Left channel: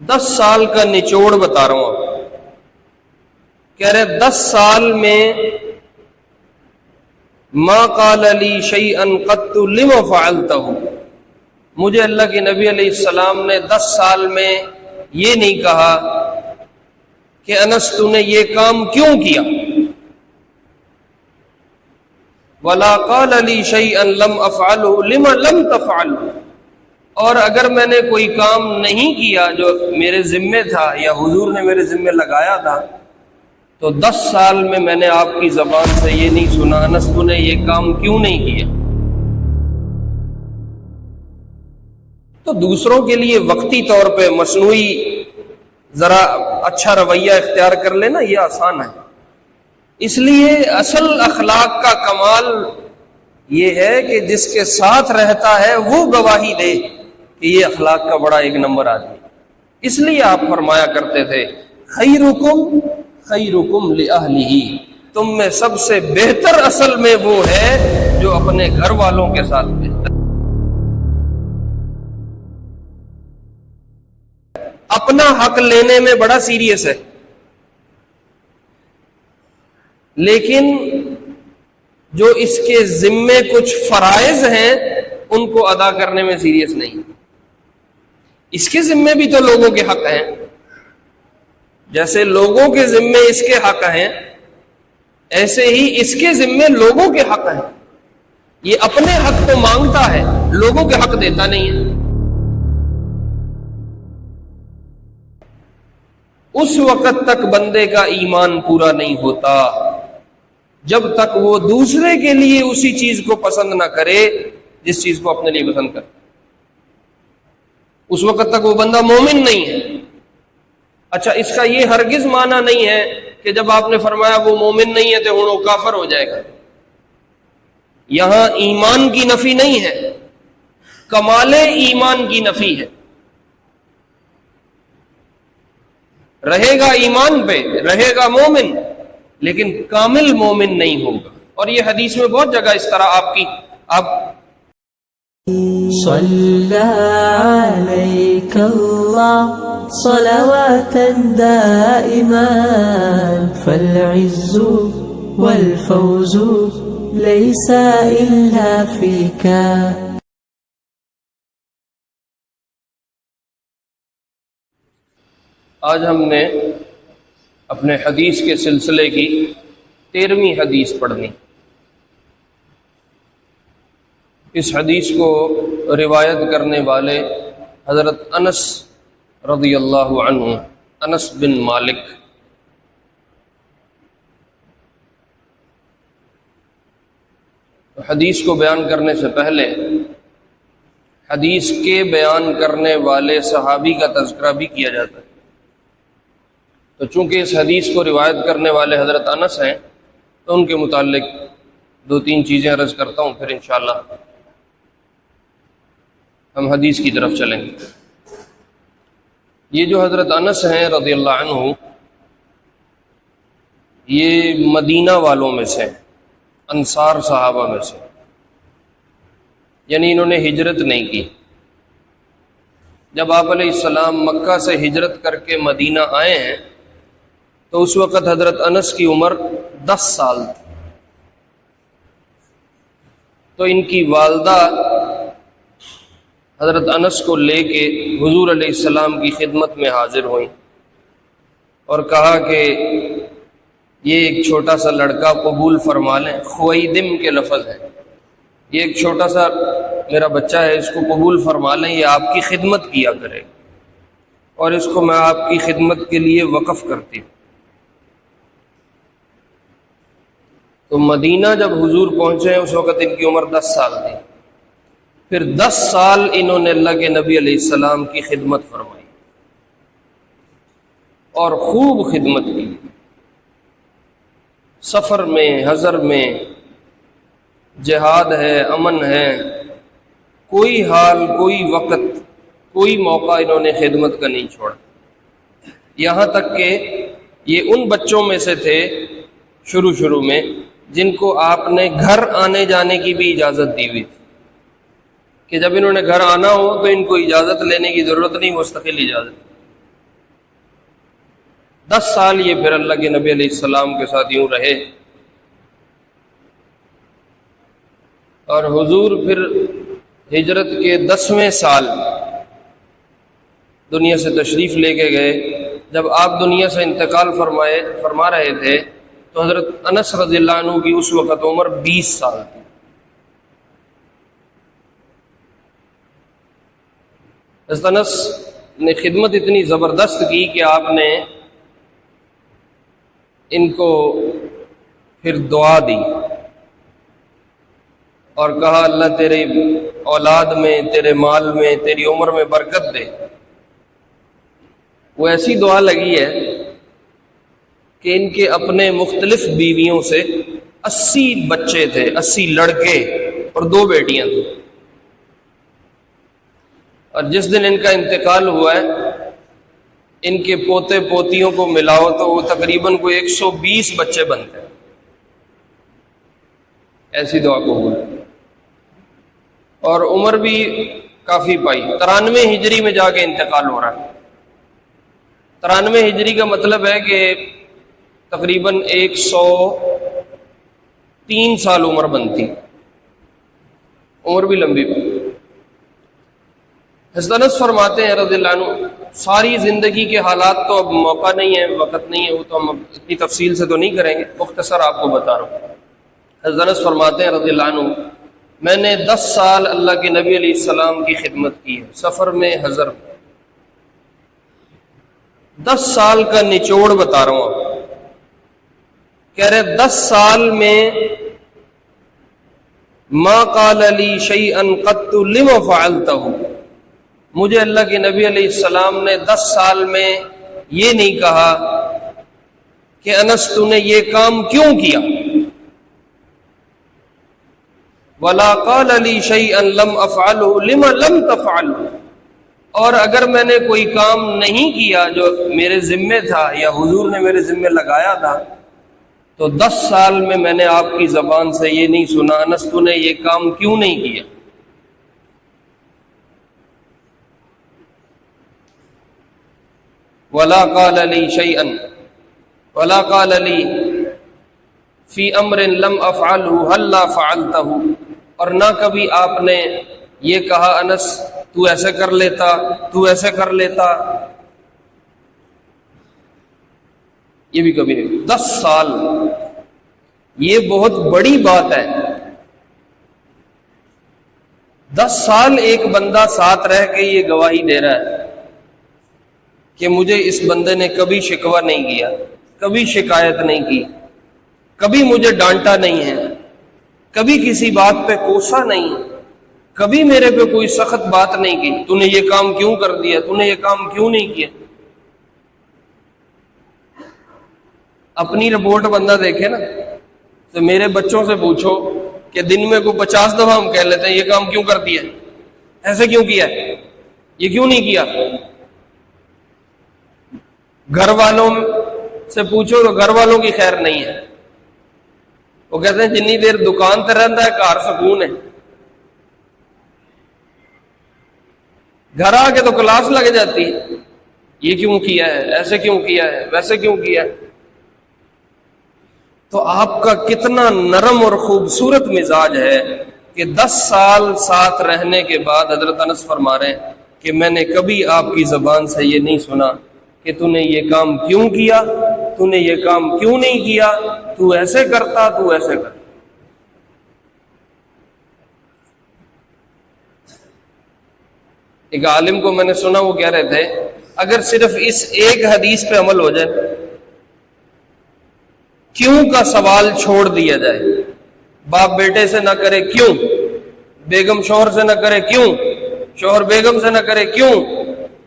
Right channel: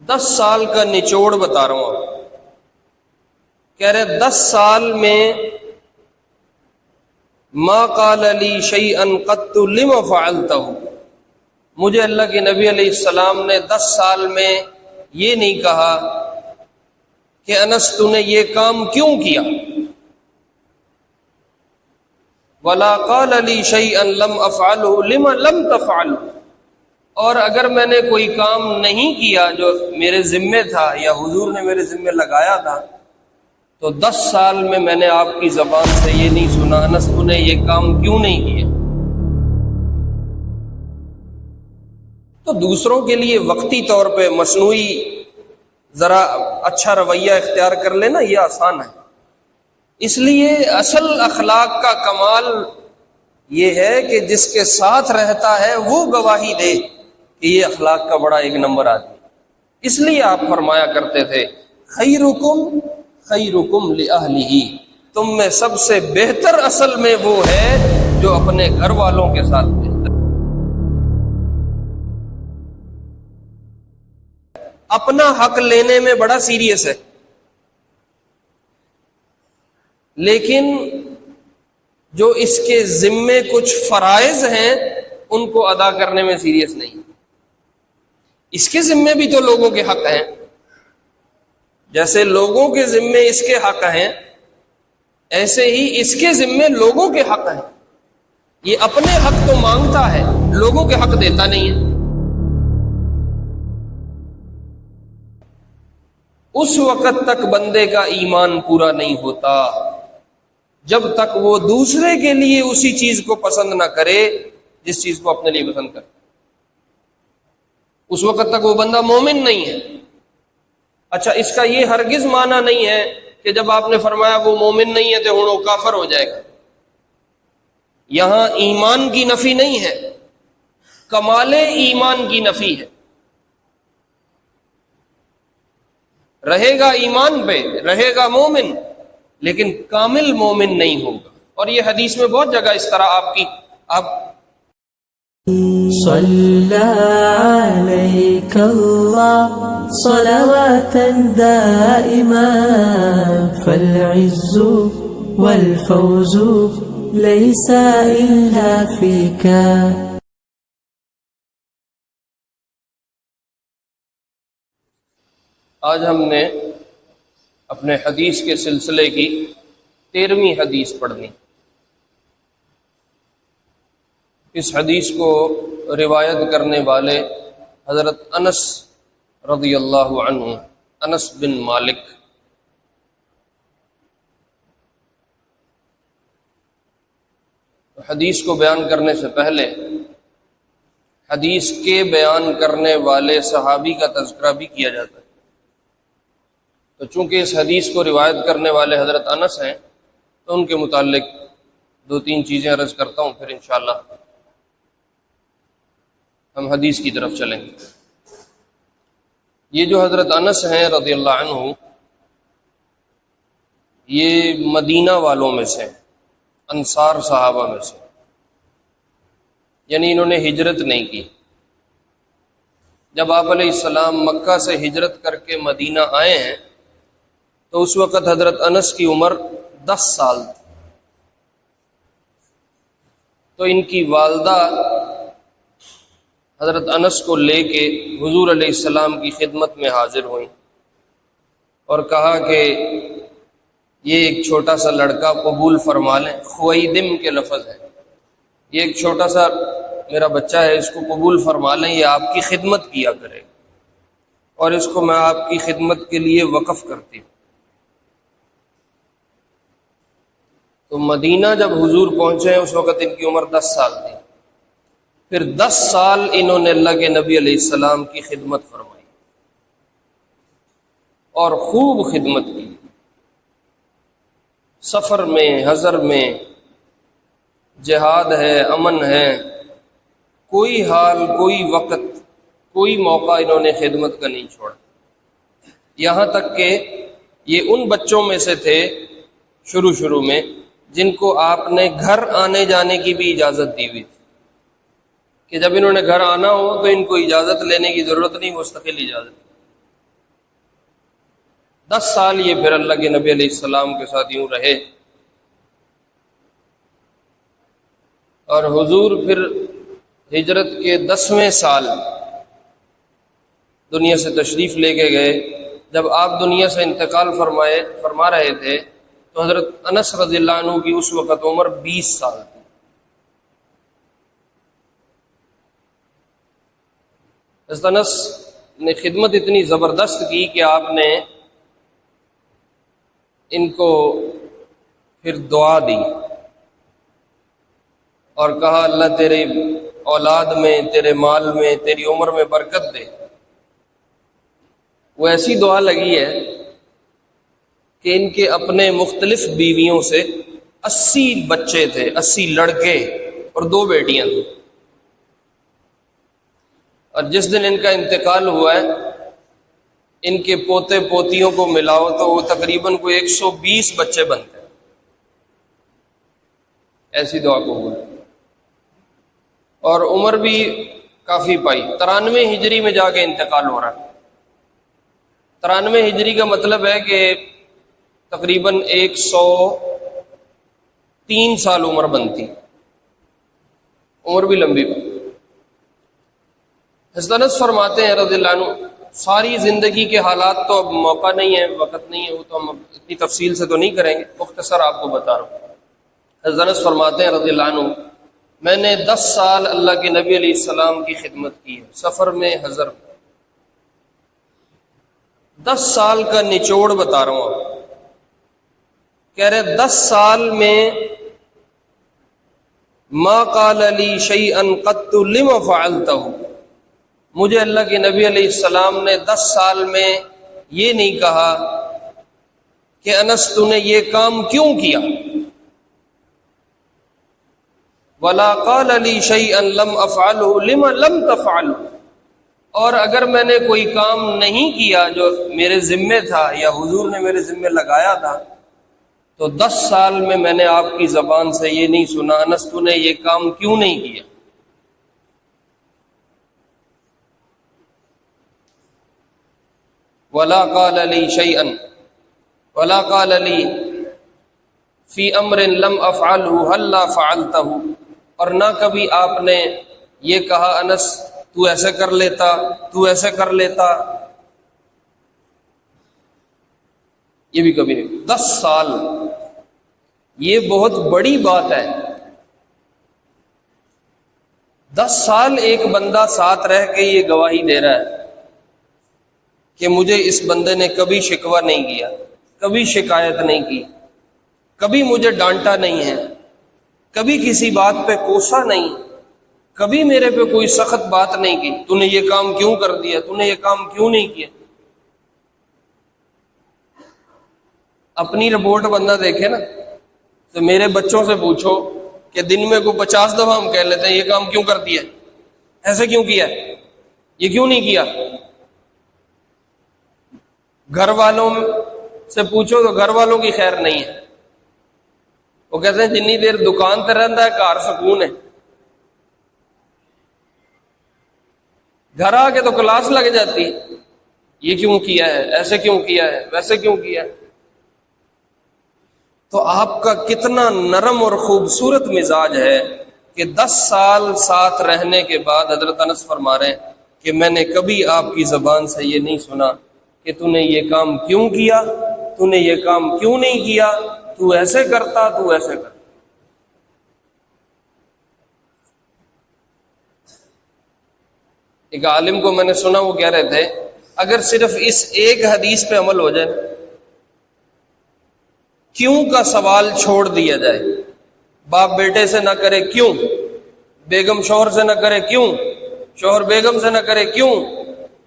10 سال کا نچوڑ بتا رہا ہوں. کہہ رہے 10 سال میں ما قال لی شیئا قط لما فعلتہ، مجھے اللہ کے نبی علیہ السلام نے 10 سال میں یہ نہیں کہا کہ انس تو نے یہ کام کیوں کیا. ولا قال لی شیئا لم افعلہ لما لم تفعلہ، اور اگر میں نے کوئی کام نہیں کیا جو میرے ذمے تھا یا حضور نے میرے ذمے لگایا تھا تو 10 سال میں میں نے آپ کی زبان سے یہ نہیں سنا انس تو نے یہ کام کیوں نہیں کیا. تو دوسروں کے لیے وقتی طور پہ مصنوعی ذرا اچھا رویہ اختیار کر لینا یہ آسان ہے. اس لیے اصل اخلاق کا کمال یہ ہے کہ جس کے ساتھ رہتا ہے وہ گواہی دے کہ یہ اخلاق کا بڑا ایک نمبر آدمی. اس لیے آپ فرمایا کرتے تھے خیرکم خیرکم لأہلہ، تم میں سب سے بہتر اصل میں وہ ہے جو اپنے گھر والوں کے ساتھ بہتر. اپنا حق لینے میں بڑا سیریس ہے، لیکن جو اس کے ذمے کچھ فرائض ہیں ان کو ادا کرنے میں سیریس نہیں. اس کے ذمے بھی تو لوگوں کے حق ہیں، جیسے لوگوں کے ذمے اس کے حق ہیں ایسے ہی اس کے ذمے لوگوں کے حق ہیں. یہ اپنے حق تو مانگتا ہے، لوگوں کے حق دیتا نہیں ہے. اس وقت تک بندے کا ایمان پورا نہیں ہوتا جب تک وہ دوسرے کے لیے اسی چیز کو پسند نہ کرے جس چیز کو اپنے لیے پسند کرے. اس وقت تک وہ بندہ مومن نہیں ہے. اچھا، اس کا یہ ہرگز معنی نہیں ہے کہ جب آپ نے فرمایا وہ مومن نہیں ہے تو وہ کافر ہو جائے گا. یہاں ایمان کی نفی نہیں ہے، کمال ایمان کی نفی ہے. رہے گا ایمان پہ، رہے گا مومن، لیکن کامل مومن نہیں ہوگا. اور یہ حدیث میں بہت جگہ اس طرح آپ صلی علیک اللہ صلوات دائما فالعز والفوز ليس إلا فيك. آج ہم نے اپنے حدیث کے سلسلے کی 13ویں حدیث پڑھنی. اس حدیث کو روایت کرنے والے حضرت انس رضی اللہ عنہ، انس بن مالک. حدیث کو بیان کرنے سے پہلے حدیث کے بیان کرنے والے صحابی کا تذکرہ بھی کیا جاتا ہے. تو چونکہ اس حدیث کو روایت کرنے والے حضرت انس ہیں تو ان کے متعلق 2-3 چیزیں عرض کرتا ہوں، پھر انشاءاللہ ہم حدیث کی طرف چلیں گے. یہ جو حضرت انس ہیں رضی اللہ عنہ، یہ مدینہ والوں میں سے، انصار صحابہ میں سے، یعنی انہوں نے ہجرت نہیں کی. جب آپ علیہ السلام مکہ سے ہجرت کر کے مدینہ آئے ہیں تو اس وقت حضرت انس کی عمر 10 سال تھی. تو ان کی والدہ حضرت انس کو لے کے حضور علیہ السلام کی خدمت میں حاضر ہوئیں اور کہا کہ یہ ایک چھوٹا سا لڑکا قبول فرما لیں. خویدم کے لفظ ہے، یہ ایک چھوٹا سا میرا بچہ ہے، اس کو قبول فرما لیں، یہ آپ کی خدمت کیا کرے اور اس کو میں آپ کی خدمت کے لیے وقف کرتی ہوں. تو مدینہ جب حضور پہنچے اس وقت ان کی عمر 10 سال تھی. پھر 10 سال انہوں نے اللہ کے نبی علیہ السلام کی خدمت فرمائی اور خوب خدمت کی. سفر میں، حضر میں، جہاد ہے، امن ہے، کوئی حال، کوئی وقت، کوئی موقع انہوں نے خدمت کا نہیں چھوڑا. یہاں تک کہ یہ ان بچوں میں سے تھے شروع میں جن کو آپ نے گھر آنے جانے کی بھی اجازت دی ہوئی تھی کہ جب انہوں نے گھر آنا ہو تو ان کو اجازت لینے کی ضرورت نہیں، مستقل اجازت. 10 سال یہ پھر اللہ کے نبی علیہ السلام کے ساتھ یوں رہے، اور حضور پھر ہجرت کے 10ویں سال دنیا سے تشریف لے کے گئے۔ جب آپ دنیا سے انتقال فرما رہے تھے تو حضرت انس رضی اللہ عنہ کی اس وقت عمر 20 سال تھی۔ حضرت انس نے خدمت اتنی زبردست کی کہ آپ نے ان کو پھر دعا دی اور کہا اللہ تیرے اولاد میں، تیرے مال میں، تیری عمر میں برکت دے۔ وہ ایسی دعا لگی ہے کہ ان کے اپنے مختلف بیویوں سے 80 بچے تھے، 80 لڑکے اور 2 بیٹیاں تھیں، اور جس دن ان کا انتقال ہوا ہے ان کے پوتے پوتیوں کو ملاؤ تو وہ تقریباً کوئی 120 بچے بنتے ہیں۔ ایسی دعا قبول، اور عمر بھی کافی پائی۔ 93 ہجری میں جا کے انتقال ہو رہا ہے۔ 93 ہجری کا مطلب ہے کہ تقریباً 103 سال عمر بنتی، عمر بھی لمبی۔ حضرت انس فرماتے ہیں رضی اللہ عنہ، ساری زندگی کے حالات تو اب موقع نہیں ہے، وقت نہیں ہے، وہ تو ہم اتنی تفصیل سے تو نہیں کریں گے، مختصر آپ کو بتا رہا ہوں۔ حضرت انس فرماتے ہیں رضی اللہ عنہ، میں نے 10 سال اللہ کے نبی علیہ السلام کی خدمت کی ہے، سفر میں، حضر میں۔ 10 سال کا نچوڑ بتا رہا ہوں، کہہ رہے 10 سال میں ما قال لی شیئا قط لما فعلتہ، مجھے اللہ کے نبی علیہ السلام نے 10 سال میں یہ نہیں کہا کہ انس تو نے یہ کام کیوں کیا، ولا قال لی شیئا لم افعلہ لما لم تفعلہ، اور اگر میں نے کوئی کام نہیں کیا جو میرے ذمے تھا یا حضور نے میرے ذمے لگایا تھا تو 10 سال میں نے آپ کی زبان سے یہ نہیں سنا انس تو نے یہ کام کیوں نہیں کیا۔ ولا قال لی شیئا ولا قال لی فی امر لم افعلہ ہلا فعلتہ، اور نہ کبھی آپ نے یہ کہا انس تو ایسے کر لیتا، تو ایسے کر لیتا، یہ بھی کبھی نہیں۔ 10 سال یہ بہت بڑی بات ہے۔ 10 سال ایک بندہ ساتھ رہ کے یہ گواہی دے رہا ہے کہ مجھے اس بندے نے کبھی شکوہ نہیں کیا، کبھی شکایت نہیں کی، کبھی مجھے ڈانٹا نہیں ہے، کبھی کسی بات پہ کوسا نہیں، کبھی میرے پہ کوئی سخت بات نہیں کی، تو نے یہ کام کیوں کر دیا، تو نے یہ کام کیوں نہیں کیا۔ اپنی رپورٹ بندہ دیکھے نا، تو میرے بچوں سے پوچھو کہ دن میں کو 50 دفعہ ہم کہہ لیتے ہیں یہ کام کیوں کر دیا، ایسے کیوں کیا، یہ کیوں نہیں کیا۔ گھر والوں سے پوچھو تو گھر والوں کی خیر نہیں ہے، وہ کہتے ہیں جنی دیر دکان تے رہتا ہے گھر سکون ہے، گھر آ کے تو کلاس لگ جاتی ہے، یہ کیوں کیا ہے، ایسے کیوں کیا ہے، ویسے کیوں کیا ہے۔ تو آپ کا کتنا نرم اور خوبصورت مزاج ہے کہ 10 سال ساتھ رہنے کے بعد حضرت انس فرما رہے ہیں کہ میں نے کبھی آپ کی زبان سے یہ نہیں سنا کہ تو نے یہ کام کیوں کیا، تو نے یہ کام کیوں نہیں کیا، تو ایسے کرتا، تو ایسے کرتا۔ ایک عالم کو میں نے سنا، وہ کہہ رہے تھے اگر صرف اس ایک حدیث پہ عمل ہو جائے، کیوں کا سوال چھوڑ دیا جائے، باپ بیٹے سے نہ کرے کیوں، بیگم شوہر سے نہ کرے کیوں، شوہر بیگم سے نہ کرے کیوں،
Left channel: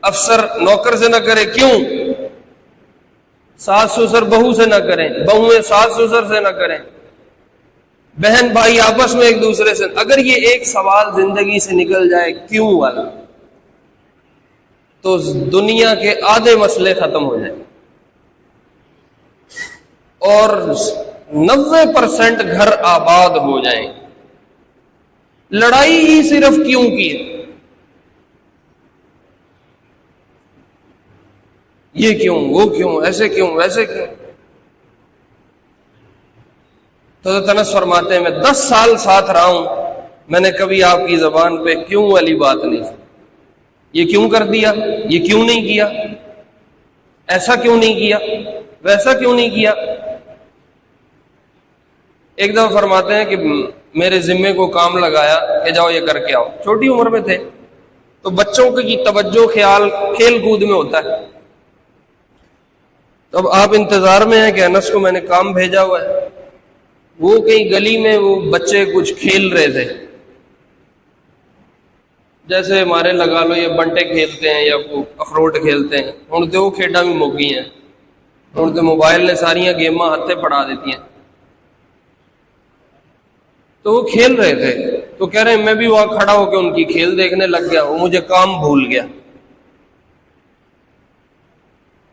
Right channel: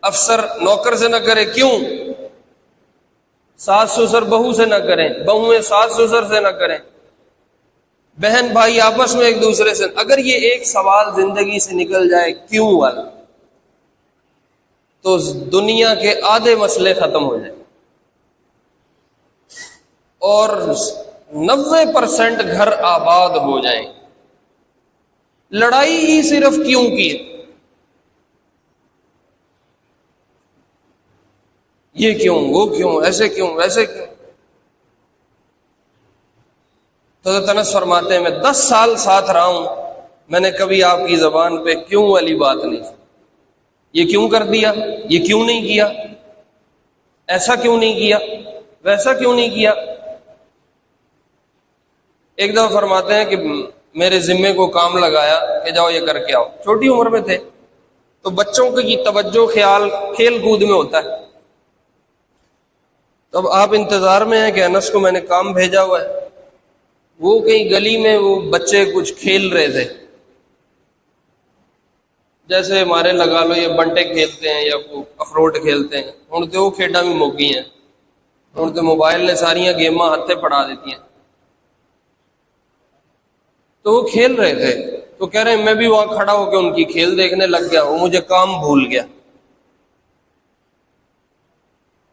افسر نوکر سے نہ کرے کیوں، ساس سسر بہو سے نہ کریں، بہویں ساس سسر سے نہ کریں، بہن بھائی آپس میں ایک دوسرے سے، اگر یہ ایک سوال زندگی سے نکل جائے کیوں والا، تو دنیا کے آدھے مسئلے ختم ہو جائیں اور 90% گھر آباد ہو جائیں۔ لڑائی ہی صرف کیوں کی ہے۔ یہ کیوں، وہ کیوں، ایسے کیوں، ویسے کیوں. تو انس فرماتے ہیں میں 10 سال ساتھ رہا ہوں، میں نے کبھی آپ کی زبان پہ کیوں والی بات نہیں سنی. یہ کیوں کر دیا، یہ کیوں نہیں کیا، ایسا کیوں نہیں کیا، ویسا کیوں نہیں کیا. ایک دفعہ فرماتے ہیں کہ میرے ذمے کو کام لگایا کہ جاؤ یہ کر کے آؤ. چھوٹی عمر میں تھے تو بچوں کی توجہ خیال کھیل کود میں ہوتا ہے. اب آپ انتظار میں ہیں کہ انس کو میں نے کام بھیجا ہوا ہے. وہ کہیں گلی میں وہ بچے کچھ کھیل رہے تھے، جیسے ہمارے لگا لو یہ بنٹے کھیلتے ہیں یا اخروٹ کھیلتے ہیں. ہوں تو وہ کھیڈا بھی مک گئی ہیں، ہوں تو موبائل نے ساریاں گیماں ہاتھے پڑھا دیتی ہیں. تو وہ کھیل رہے تھے تو کہہ رہے ہیں میں بھی وہاں کھڑا ہو کے ان کی کھیل دیکھنے لگ گیا، وہ مجھے کام بھول گیا.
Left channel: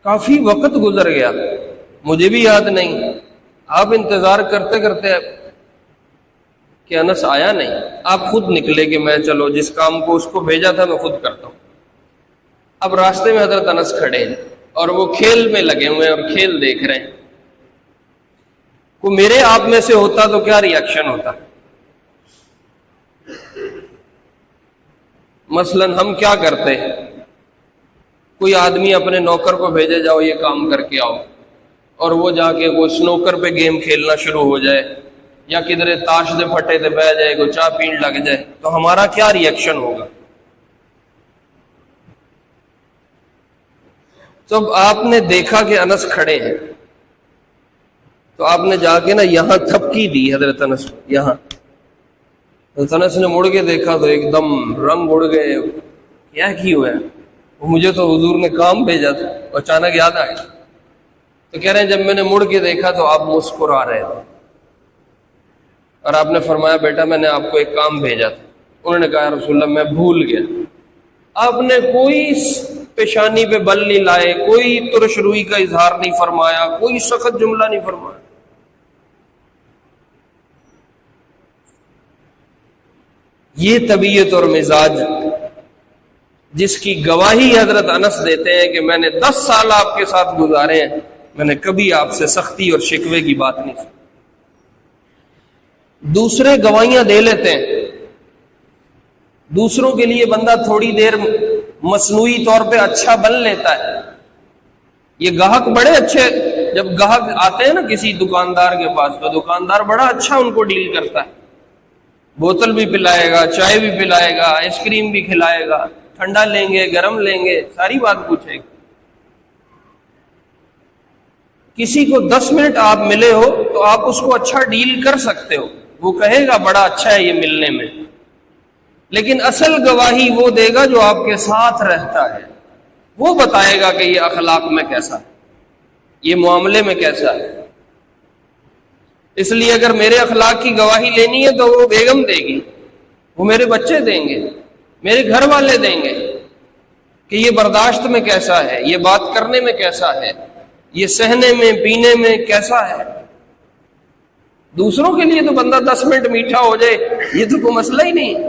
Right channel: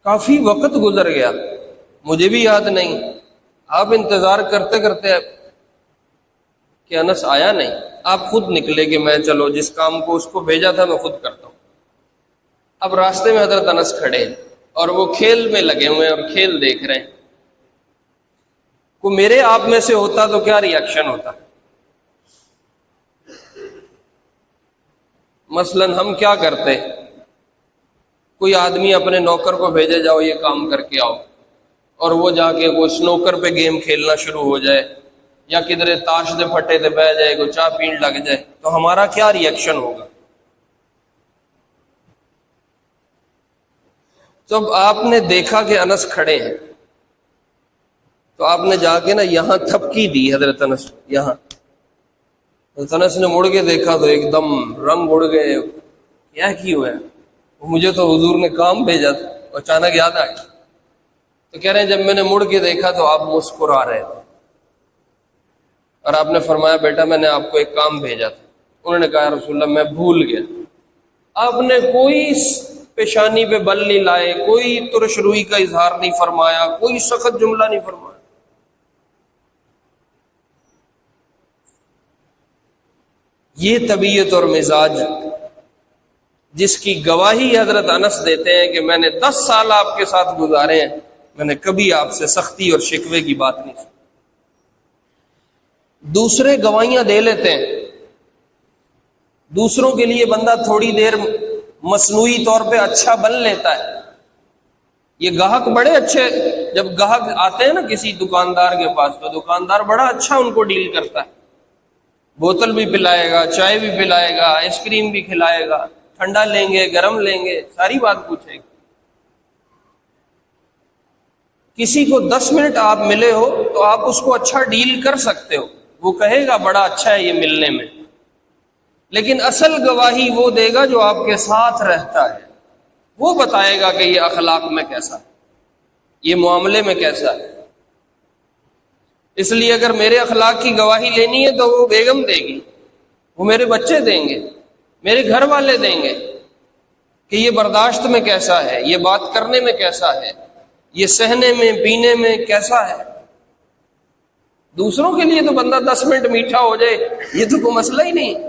کافی وقت گزر گیا، مجھے بھی یاد نہیں. آپ انتظار کرتے کرتے کہ انس آیا نہیں، آپ خود نکلے کہ میں چلو جس کام کو اس کو بھیجا تھا میں خود کرتا ہوں. اب راستے میں حضرت انس کھڑے ہیں اور وہ کھیل میں لگے ہوئے ہیں اور کھیل دیکھ رہے ہیں. وہ میرے آپ میں سے ہوتا تو کیا ری ایکشن ہوتا؟ مثلا ہم کیا کرتے، کوئی آدمی اپنے نوکر کو بھیجے جاؤ یہ کام کر کے آؤ، اور وہ جا کے وہ سنوکر پہ گیم کھیلنا شروع ہو جائے یا کدھر تاش دے پھٹے تے بہ جائے، کوئی چاہ پین لگ جائے، تو ہمارا کیا ری ایکشن ہوگا؟ تو آپ نے دیکھا کہ انس کھڑے ہیں تو آپ نے جا کے نا یہاں تھپکی دی حضرت انس، یہاں. حضرت انس نے مڑ کے دیکھا تو ایک دم رنگ اڑ گئے. کیا کی ہوا ہے؟ وہ مجھے تو حضور نے کام بھیجا تھا، اچانک یاد آیا. تو کہہ رہے ہیں جب میں نے مڑ کے دیکھا تو آپ مسکرا رہے تھے اور آپ نے فرمایا بیٹا میں نے آپ کو ایک کام بھیجا تھا. انہوں نے کہا رسول اللہ میں بھول گیا. آپ نے کوئی پیشانی پہ بل نہیں لائے، کوئی ترش روئی کا اظہار نہیں فرمایا، کوئی سخت جملہ نہیں فرمایا. یہ طبیعت اور مزاج جس کی گواہی حضرت انس دیتے ہیں کہ میں نے 10 سال آپ کے ساتھ گزارے ہیں، میں نے کبھی آپ سے سختی اور شکوے کی بات نہیں سنی. دوسرے گواہیاں دے لیتے ہیں، دوسروں کے لیے بندہ تھوڑی دیر مصنوعی طور پہ اچھا بن لیتا ہے. یہ گاہک بڑے اچھے، جب گاہک آتے ہیں نا کسی دکاندار کے پاس تو دکاندار بڑا اچھا ان کو ڈیل کرتا ہے. بوتل بھی پلائے گا، چائے بھی پلائے گا، آئس کریم بھی کھلائے گا، ٹھنڈا لیں گے گرم لیں گے، ساری بات پوچھے گا. کسی کو 10 منٹ آپ ملے ہو تو آپ اس کو اچھا ڈیل کر سکتے ہو، وہ کہے گا بڑا اچھا ہے یہ ملنے میں. لیکن اصل گواہی وہ دے گا جو آپ کے ساتھ رہتا ہے. وہ بتائے گا کہ یہ اخلاق میں کیسا ہے، یہ معاملے میں کیسا ہے. اس لیے اگر میرے اخلاق کی گواہی لینی ہے تو وہ بیگم دے گی، وہ میرے بچے دیں گے، میرے گھر والے دیں گے کہ یہ برداشت میں کیسا ہے، یہ بات کرنے میں کیسا ہے، یہ سہنے میں پینے میں کیسا ہے. دوسروں کے لیے تو بندہ 10 منٹ میٹھا ہو جائے یہ تو کوئی مسئلہ ہی نہیں،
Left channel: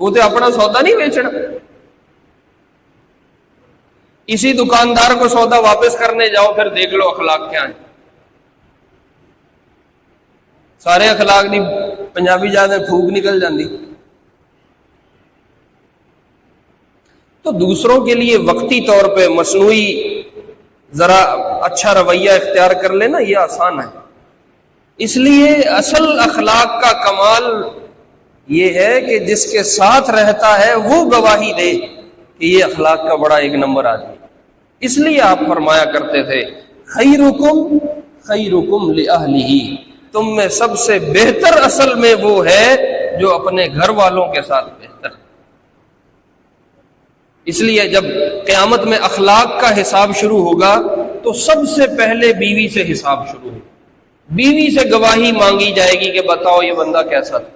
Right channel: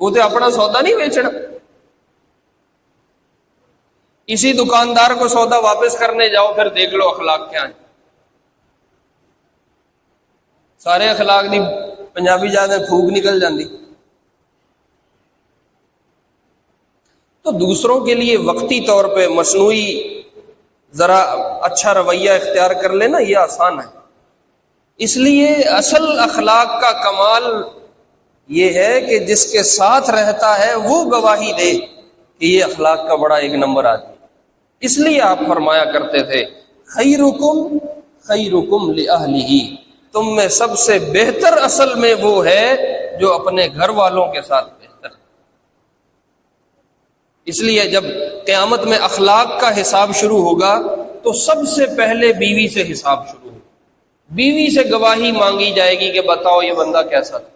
وہ تو اپنا سودا نہیں بیچنا. اسی دکاندار کو سودا واپس کرنے جاؤ پھر دیکھ لو اخلاق کیا ہے. سارے اخلاق دی پنجابی جاتے پھوک نکل جاندی. تو دوسروں کے لیے وقتی طور پہ مصنوعی ذرا اچھا رویہ اختیار کر لینا یہ آسان ہے. اس لیے اصل اخلاق کا کمال یہ ہے کہ جس کے ساتھ رہتا ہے وہ گواہی دے کہ یہ اخلاق کا بڑا ایک نمبر آدمی. اس لیے آپ فرمایا کرتے تھے خیرکم خیرکم لأہلہ، تم میں سب سے بہتر اصل میں وہ ہے جو اپنے گھر والوں کے ساتھ بہتر. اس لیے جب قیامت میں اخلاق کا حساب شروع ہوگا تو سب سے پہلے بیوی سے حساب شروع ہوگا. بیوی سے گواہی مانگی جائے گی کہ بتاؤ یہ بندہ کیسا تھا.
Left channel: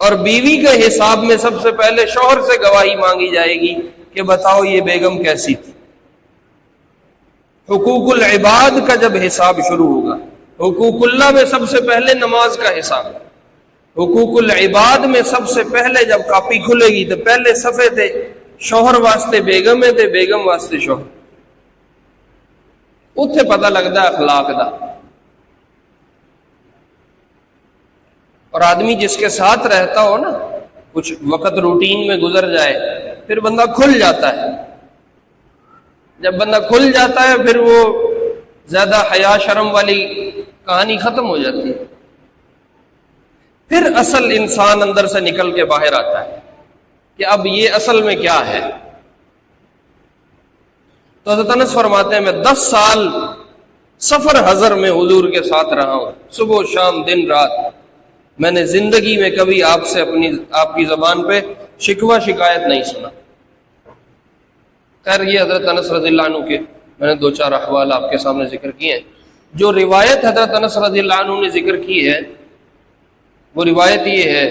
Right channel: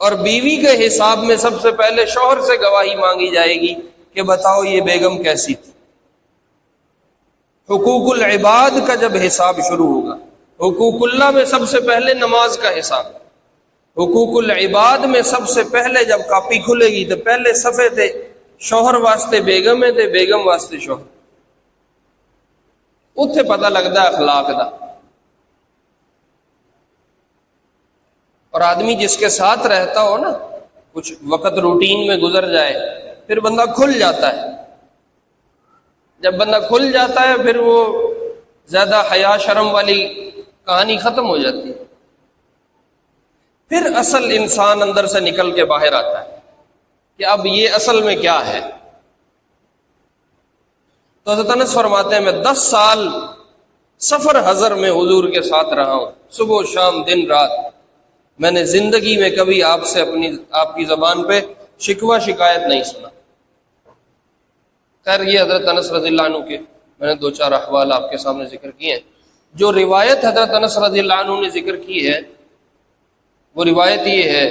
اور بیوی کے حساب میں سب سے پہلے شوہر سے گواہی مانگی جائے گی کہ بتاؤ یہ بیگم کیسی تھی. حقوق العباد کا جب حساب شروع ہوگا، حقوق اللہ میں سب سے پہلے نماز کا حساب، حقوق العباد میں سب سے پہلے جب کاپی کھلے گی تو پہلے صفحے پہ شوہر واسطے بیگم ہے تے بیگم واسطے شوہر. اتنے پتہ لگتا اخلاق دا. اور آدمی جس کے ساتھ رہتا ہو نا، کچھ وقت روٹین میں گزر جائے، پھر بندہ کھل جاتا ہے. جب بندہ کھل جاتا ہے پھر وہ زیادہ حیا شرم والی کہانی ختم ہو جاتی ہے. پھر اصل انسان اندر سے نکل کے باہر آتا ہے کہ اب یہ اصل میں کیا ہے. تو حضرت انس فرماتے ہیں میں 10 سال سفر حضر میں حضور کے ساتھ رہا ہوں، صبح شام دن رات. میں نے زندگی میں کبھی آپ سے آپ کی زبان پہ شکوہ شکایت نہیں سنا. خیر یہ حضرت انس رضی اللہ عنہ کے میں نے 2-4 احوال آپ کے سامنے ذکر کیے ہیں. جو روایت حضرت انس رضی اللہ عنہ نے ذکر کی ہے وہ روایت یہ ہے،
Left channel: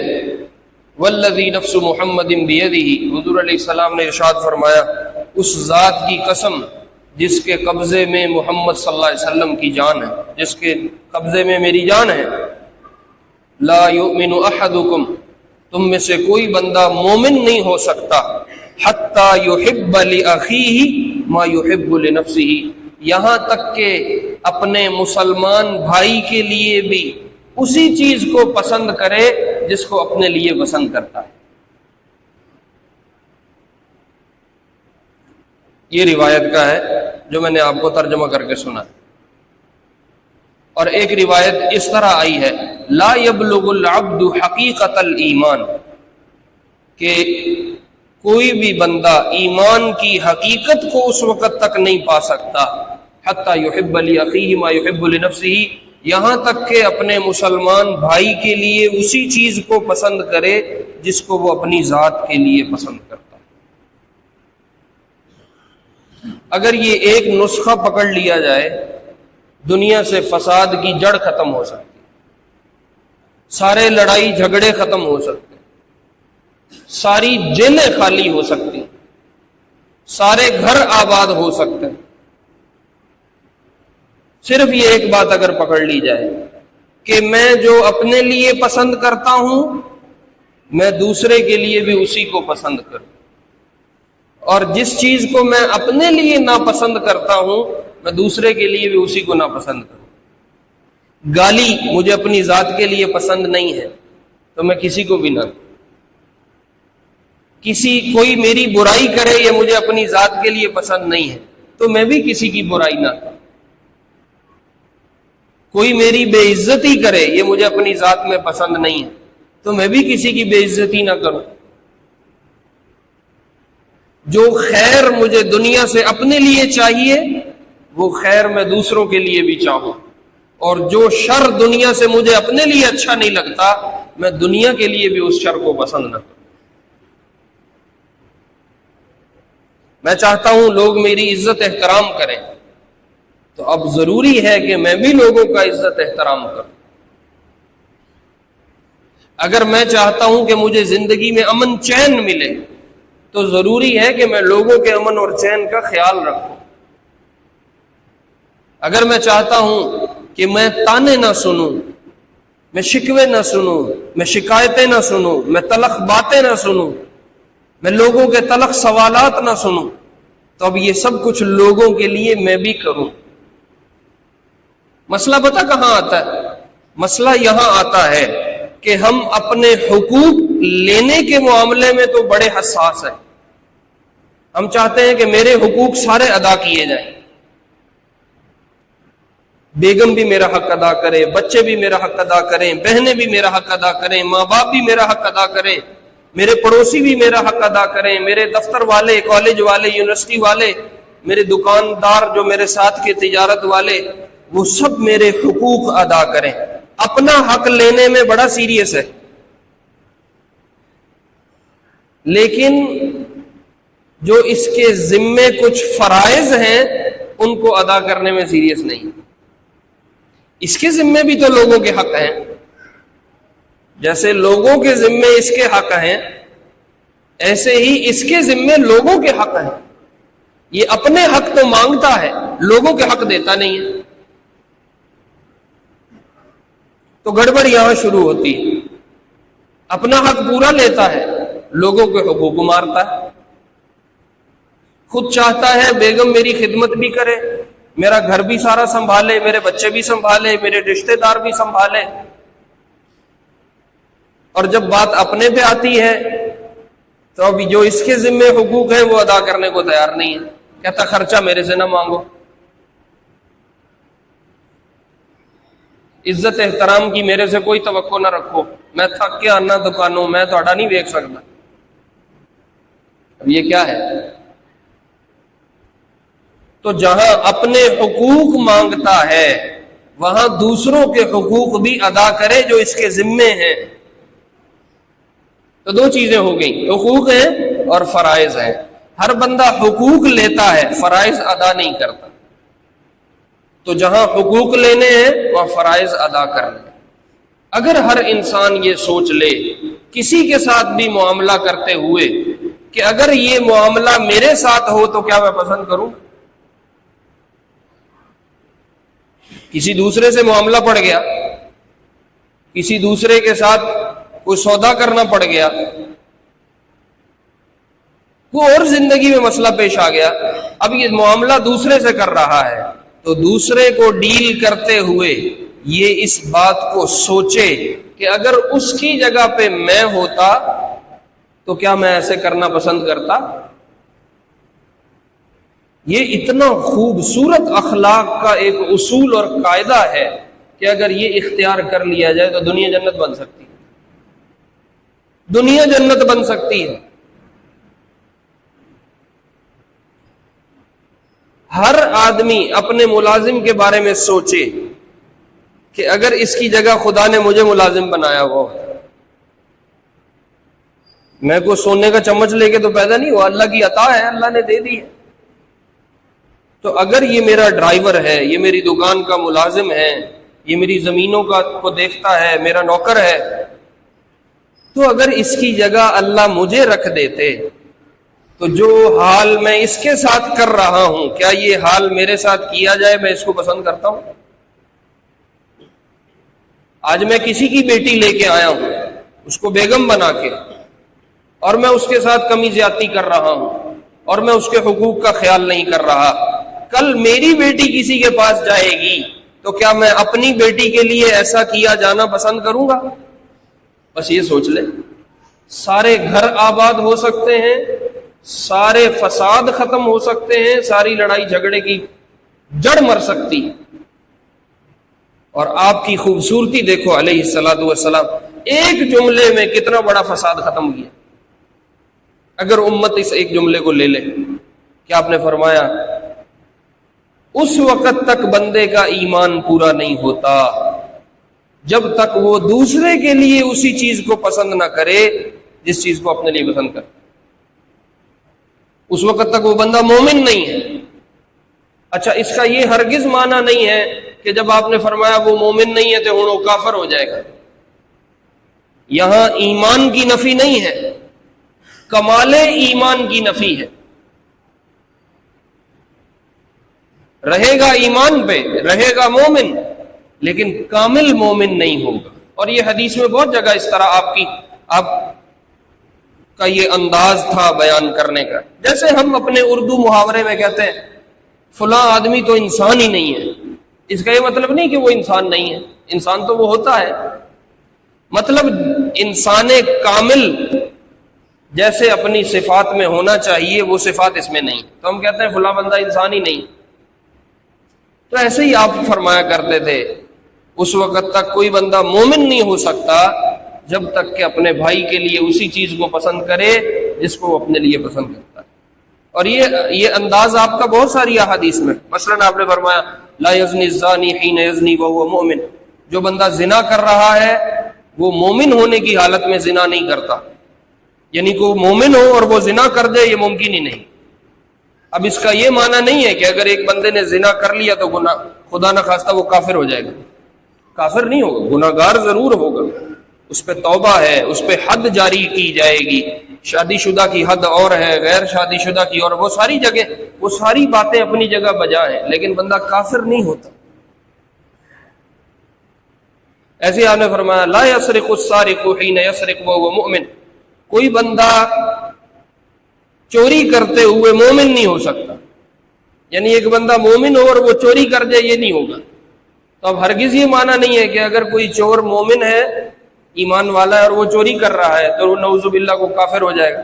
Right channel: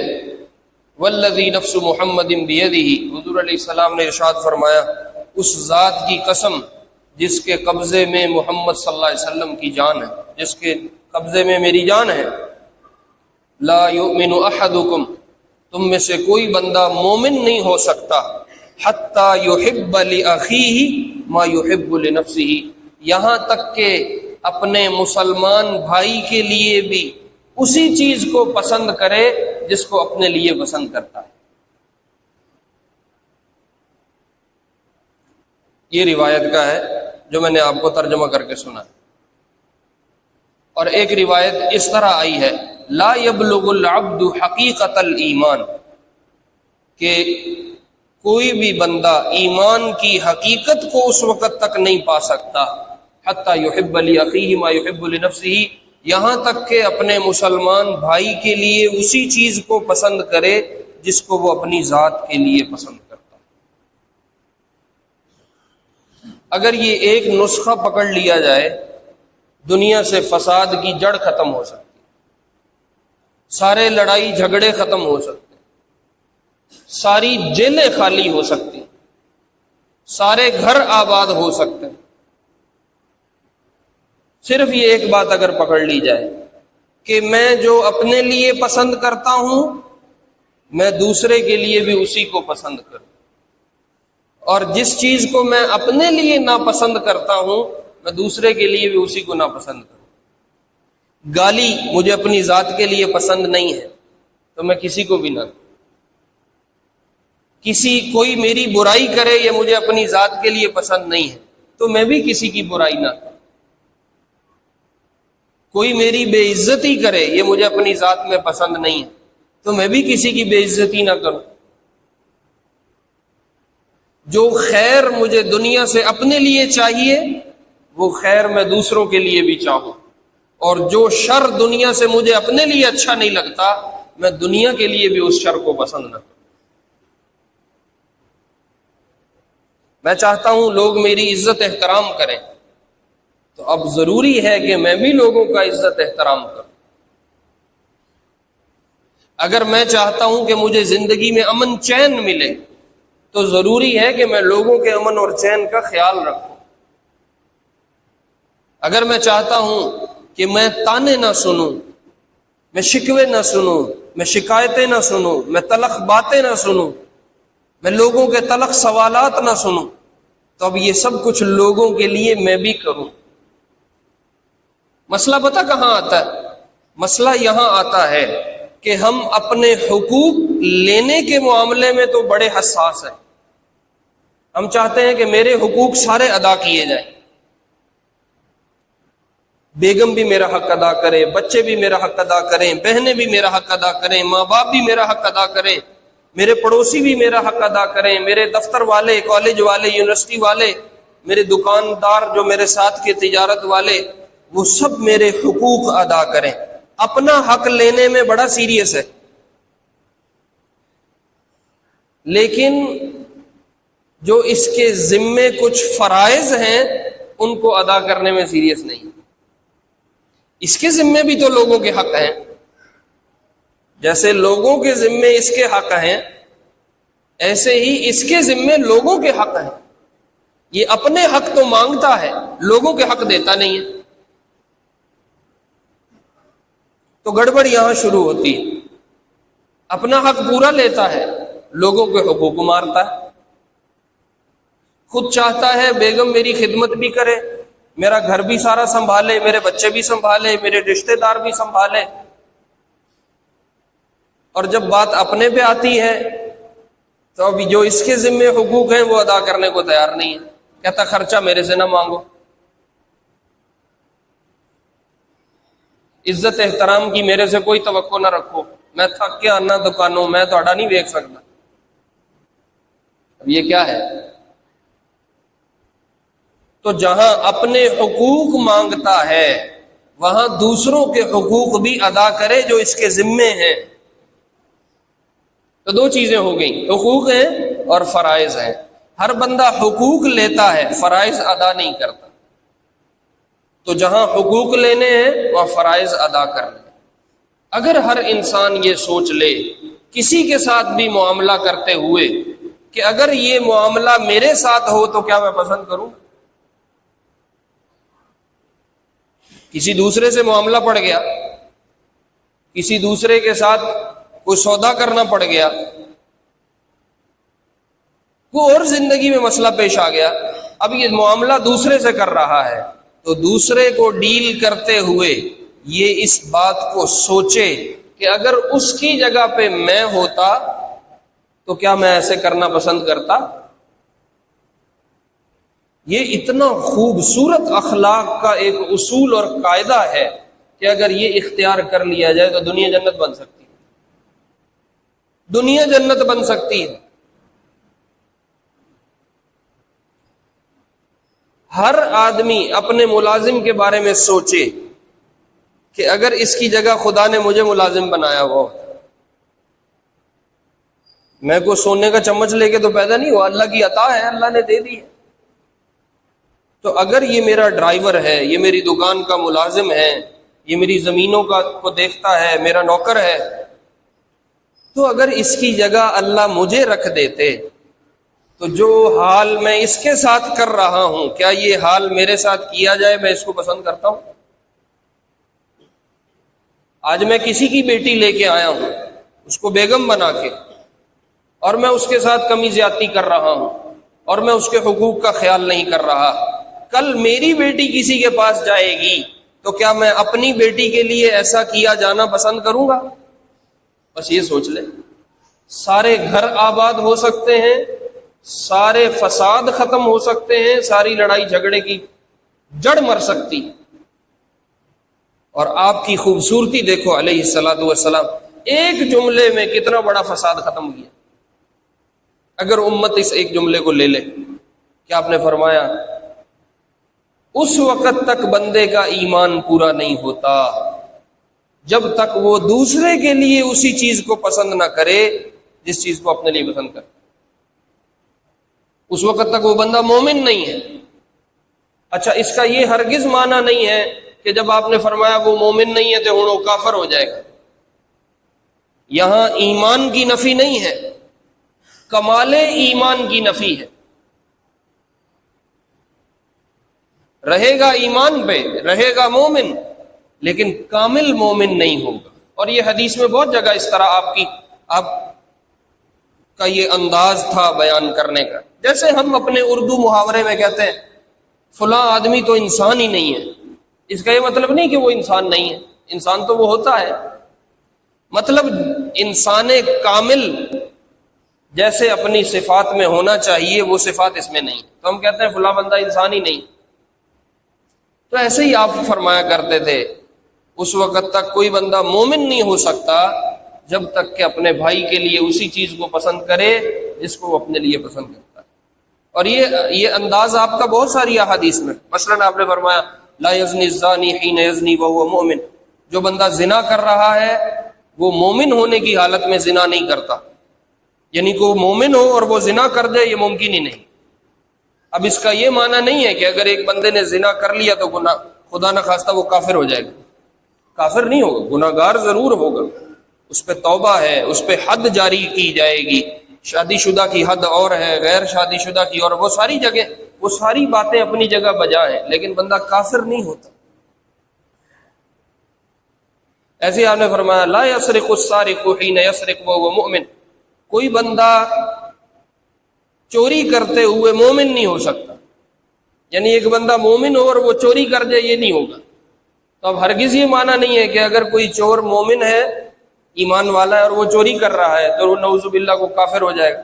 والذی نفس محمد بیدہ، حضور علیہ السلام نے ارشاد فرمایا اس ذات کی قسم جس کے قبضے میں محمد صلی اللہ علیہ وسلم کی جان ہے، جس کے قبضے میں میری جان ہے، لا یؤمن احدکم، تم میں سے کوئی بندہ مومن نہیں ہو سکتا، حتی یحب لاخیہ ما یحب لنفسہ، یہاں تک کہ اپنے مسلمان بھائی کے لیے بھی اسی چیز کو پسند کرے جس کو اپنے لیے پسند کرتا ہے. یہ روایت کا ہے جو میں نے آپ کو ترجمہ کر کے سنا. اور ایک روایت اس طرح آئی ہے، لا یبلغ العبد حقیقت الایمان، کہ کوئی بھی بندہ ایمان کی حقیقت کو اس وقت تک نہیں پا سکتا، حتی یحب لاخیہ ما یحب لنفسہ، یہاں تک کہ اپنے مسلمان بھائی کے لیے اسی چیز کو پسند کرے جس کو وہ اپنی ذات کے لیے پسند کرتا ہے. اگر یہ ایک نسخہ پکڑ لیا جائے دنیا سے فساد کی جڑ ختم ہو سکتی، سارے لڑائی جھگڑے ختم ہو سکتے، ساری جیلیں خالی ہو سکتی، سارے گھر آباد ہو سکتے. صرف یہ ایک بات اگر پکڑ لی جائے کہ میں جو اپنے لیے پسند کرتا ہوں میں دوسرے کے لیے بھی اسی کو پسند کروں، اور جس چیز کو میں اپنے لیے ناپسند کرتا ہوں میں دوسرے کے لیے بھی اسی کو ناپسند کروں. گالی مجھے اپنی ذات کے لیے پسند نہیں ہے تو میں کسی کو بھی نہ دوں. کوئی میری برائی کرے یہ مجھے اپنی ذات کے لیے پسند نہیں ہے تو میں بھی کسی کی برائی نہ کروں. کوئی میری بے عزتی کرے یہ مجھے اپنی ذات میں پسند نہیں ہے تو میں بھی کسی کی بے عزتی نہ کروں. جو خیر مجھے دنیا سے اپنے لیے چاہیے وہ خیر میں دوسروں کے لیے بھی چاہوں، اور جو شر دنیا سے مجھے اپنے لیے اچھا نہیں لگتا میں دنیا کے لیے بھی اس شر کو پسند نہ کروں. میں چاہتا ہوں لوگ میری عزت احترام کریں تو اب ضروری ہے کہ میں بھی لوگوں کا عزت احترام کروں. اگر میں چاہتا ہوں کہ مجھے زندگی میں امن چین ملے تو ضروری ہے کہ میں لوگوں کے امن اور چین کا خیال رکھوں. اگر میں چاہتا ہوں کہ میں تانے نہ سنوں، میں شکوے نہ سنوں، میں شکایتیں نہ سنوں، میں تلخ باتیں نہ سنوں، میں لوگوں کے تلخ سوالات نہ سنوں، تو اب یہ سب کچھ لوگوں کے لیے میں بھی کروں. مسئلہ پتہ کہاں آتا ہے؟ مسئلہ یہاں آتا ہے کہ ہم اپنے حقوق لینے کے معاملے میں تو بڑے حساس ہیں. ہم چاہتے ہیں کہ میرے حقوق سارے ادا کیے جائیں، بیگم بھی میرا حق ادا کرے، بچے بھی میرا حق ادا کریں، بہنیں بھی میرا حق ادا کریں، ماں باپ بھی میرا حق ادا کریں، میرے پڑوسی بھی میرا حق ادا کریں، میرے دفتر والے، کالج والے، یونیورسٹی والے، میرے دکاندار جو میرے ساتھ کے تجارت والے، وہ سب میرے حقوق ادا کریں. اپنا حق لینے میں بڑا سیریس ہے، لیکن جو اس کے ذمے کچھ فرائض ہیں ان کو ادا کرنے میں سیریس نہیں. اس کے ذمے بھی تو لوگوں کے حق ہیں، جیسے لوگوں کے ذمے اس کے حق ہیں ایسے ہی اس کے ذمے لوگوں کے حق ہیں. یہ اپنے حق تو مانگتا ہے، لوگوں کے حق دیتا نہیں ہے. تو گڑبڑ یہاں شروع ہوتی ہے. اپنا حق پورا لیتا ہے، لوگوں کے حقوق کو مارتا ہے. خود چاہتا ہے بیگم میری خدمت بھی کرے، میرا گھر بھی سارا سنبھالے، میرے بچے بھی سنبھالے، میرے رشتہ دار بھی سنبھالے، اور جب بات اپنے پہ آتی ہے تو ابھی جو اس کے ذمے حقوق ہیں وہ ادا کرنے کو تیار نہیں ہے، کہتا خرچہ میرے سے نہ مانگو، عزت احترام کی میرے سے کوئی توقع نہ رکھو، میں تھک کے آنا دکانوں میں تھوڑا نہیں دیکھ سکتا۔ اب یہ کیا ہے؟ تو جہاں اپنے حقوق مانگتا ہے وہاں دوسروں کے حقوق بھی ادا کرے جو اس کے ذمے ہیں۔ تو دو چیزیں ہو گئی، حقوق ہیں اور فرائض ہیں۔ ہر بندہ حقوق لیتا ہے، فرائض ادا نہیں کرتا، تو جہاں حقوق لینے ہیں وہاں فرائض ادا کرنے۔ اگر ہر انسان یہ سوچ لے کسی کے ساتھ بھی معاملہ کرتے ہوئے کہ اگر یہ معاملہ میرے ساتھ ہو تو کیا میں پسند کروں؟ کسی دوسرے سے معاملہ پڑ گیا، کسی دوسرے کے ساتھ کوئی سودا کرنا پڑ گیا، کوئی اور زندگی میں مسئلہ پیش آ گیا، اب یہ معاملہ دوسرے سے کر رہا ہے تو دوسرے کو ڈیل کرتے ہوئے یہ اس بات کو سوچے کہ اگر اس کی جگہ پہ میں ہوتا تو کیا میں ایسے کرنا پسند کرتا؟ یہ اتنا خوبصورت اخلاق کا ایک اصول اور قاعدہ ہے کہ اگر یہ اختیار کر لیا جائے تو دنیا جنت بن سکتی ہے، دنیا جنت بن سکتی ہے۔ ہر آدمی اپنے ملازم کے بارے میں سوچے کہ اگر اس کی جگہ خدا نے مجھے ملازم بنایا ہو، میں کو سونے کا چمچ لے کے تو پیدا نہیں ہوا، اللہ کی عطا ہے، اللہ نے دے دی ہے، تو اگر یہ میرا ڈرائیور ہے، یہ میری دکان کا ملازم ہے، یہ میری زمینوں کو دیکھتا ہے، میرا نوکر ہے، تو اگر اس کی جگہ اللہ مجھے رکھ دیتے تو جو حال میں اس کے ساتھ کر رہا ہوں کیا یہ حال میرے ساتھ کیا جائے میں اس کو پسند کرتا ہوں؟ آج میں کسی کی بیٹی لے کے آیا ہوں اس کو بیگم بنا کے، اور میں اس کے ساتھ کمی زیادتی کر رہا ہوں اور میں اس کے حقوق کا خیال نہیں کر رہا، کل میری بیٹی کسی کے پاس جائے گی تو کیا میں اپنی بیٹی کے لیے ایسا کیا جانا پسند کروں گا؟ بس یہ سوچ لے، سارے گھر آباد ہو سکتے ہیں، سارے فساد ختم ہو سکتے ہیں، ساری لڑائی جھگڑے کی جڑ مر سکتی ہے، اور آپ کی خوبصورتی دیکھو علیہ الصلوۃ والسلام ایک جملے میں کتنا بڑا فساد ختم کیا۔ اگر امت اس ایک جملے کو لے لے، کیا آپ نے فرمایا اس وقت تک بندے کا ایمان پورا نہیں ہوتا جب تک وہ دوسرے کے لیے اسی چیز کو پسند نہ کرے جس چیز کو اپنے لیے پسند کرے، اس وقت تک وہ بندہ مومن نہیں ہے۔ اچھا، اس کا یہ ہرگز معنی نہیں ہے کہ جب آپ نے فرمایا وہ مومن نہیں ہے تو وہ کافر ہو جائے گا، یہاں ایمان کی نفی نہیں ہے، کمال ایمان کی نفی ہے، رہے گا ایمان پہ، رہے گا مومن، لیکن کامل مومن نہیں ہوگا۔ اور یہ حدیث میں بہت جگہ اس طرح آپ کا یہ انداز تھا بیان کرنے کا، جیسے ہم اپنے اردو محاورے میں کہتے ہیں فلاں آدمی تو انسان ہی نہیں ہے، اس کا یہ مطلب نہیں کہ وہ انسان نہیں ہے، انسان تو وہ ہوتا ہے، مطلب انسان کامل جیسے اپنی صفات میں ہونا چاہیے وہ صفات اس میں نہیں، تو ہم کہتے ہیں فلاں بندہ انسان ہی نہیں۔ تو ایسے ہی آپ فرمایا کرتے تھے اس وقت تک کوئی بندہ مومن نہیں ہو سکتا جب تک کہ اپنے بھائی کے لیے اسی چیز کو پسند کرے جس کو وہ اپنے لیے پسند کرتا ہے۔ اور یہ انداز آپ کا بہت ساری احادیث میں، مثلا آپ نے فرمایا لا یزنی الزانی حین یزنی وہو مؤمن، جو بندہ زنا کر رہا ہے وہ مومن ہونے کی حالت میں زنا نہیں کرتا، یعنی کہ وہ مومن ہو اور وہ زنا کر دے یہ ممکن ہی نہیں۔ اب اس کا یہ معنی نہیں ہے کہ اگر ایک بندے نے زنا کر لیا تو گناہ خدا نہ خواستہ وہ کافر ہو جائے گا، کافر نہیں ہوگا، گناہ گار ضرور ہوگا، اس پہ توبہ ہے، اس پہ حد جاری کی جائے گی، شادی شدہ کی حد اور ہے، غیر شادی شدہ کی اور، وہ ساری جگہ وہ ساری باتیں اپنی جگہ بجا ہیں، لیکن بندہ کافر نہیں ہوتا۔ ایسے آپ نے فرمایا لا یسرق السارق حین یسرق وهو مؤمن، کوئی بندہ چوری کرتے ہوئے مومن نہیں ہو سکتا. یعنی ایک بندہ مومن ہو اور وہ چوری کر جائے، یہ نہیں ہوگا. تو اب ہرگز یہ معنی نہیں ہے کہ اگر کوئی چور مومن ہے، ایمان والا ہے، اور وہ چوری کر رہا ہے تو وہ نعوذ باللہ کو کافر ہو جائے گا.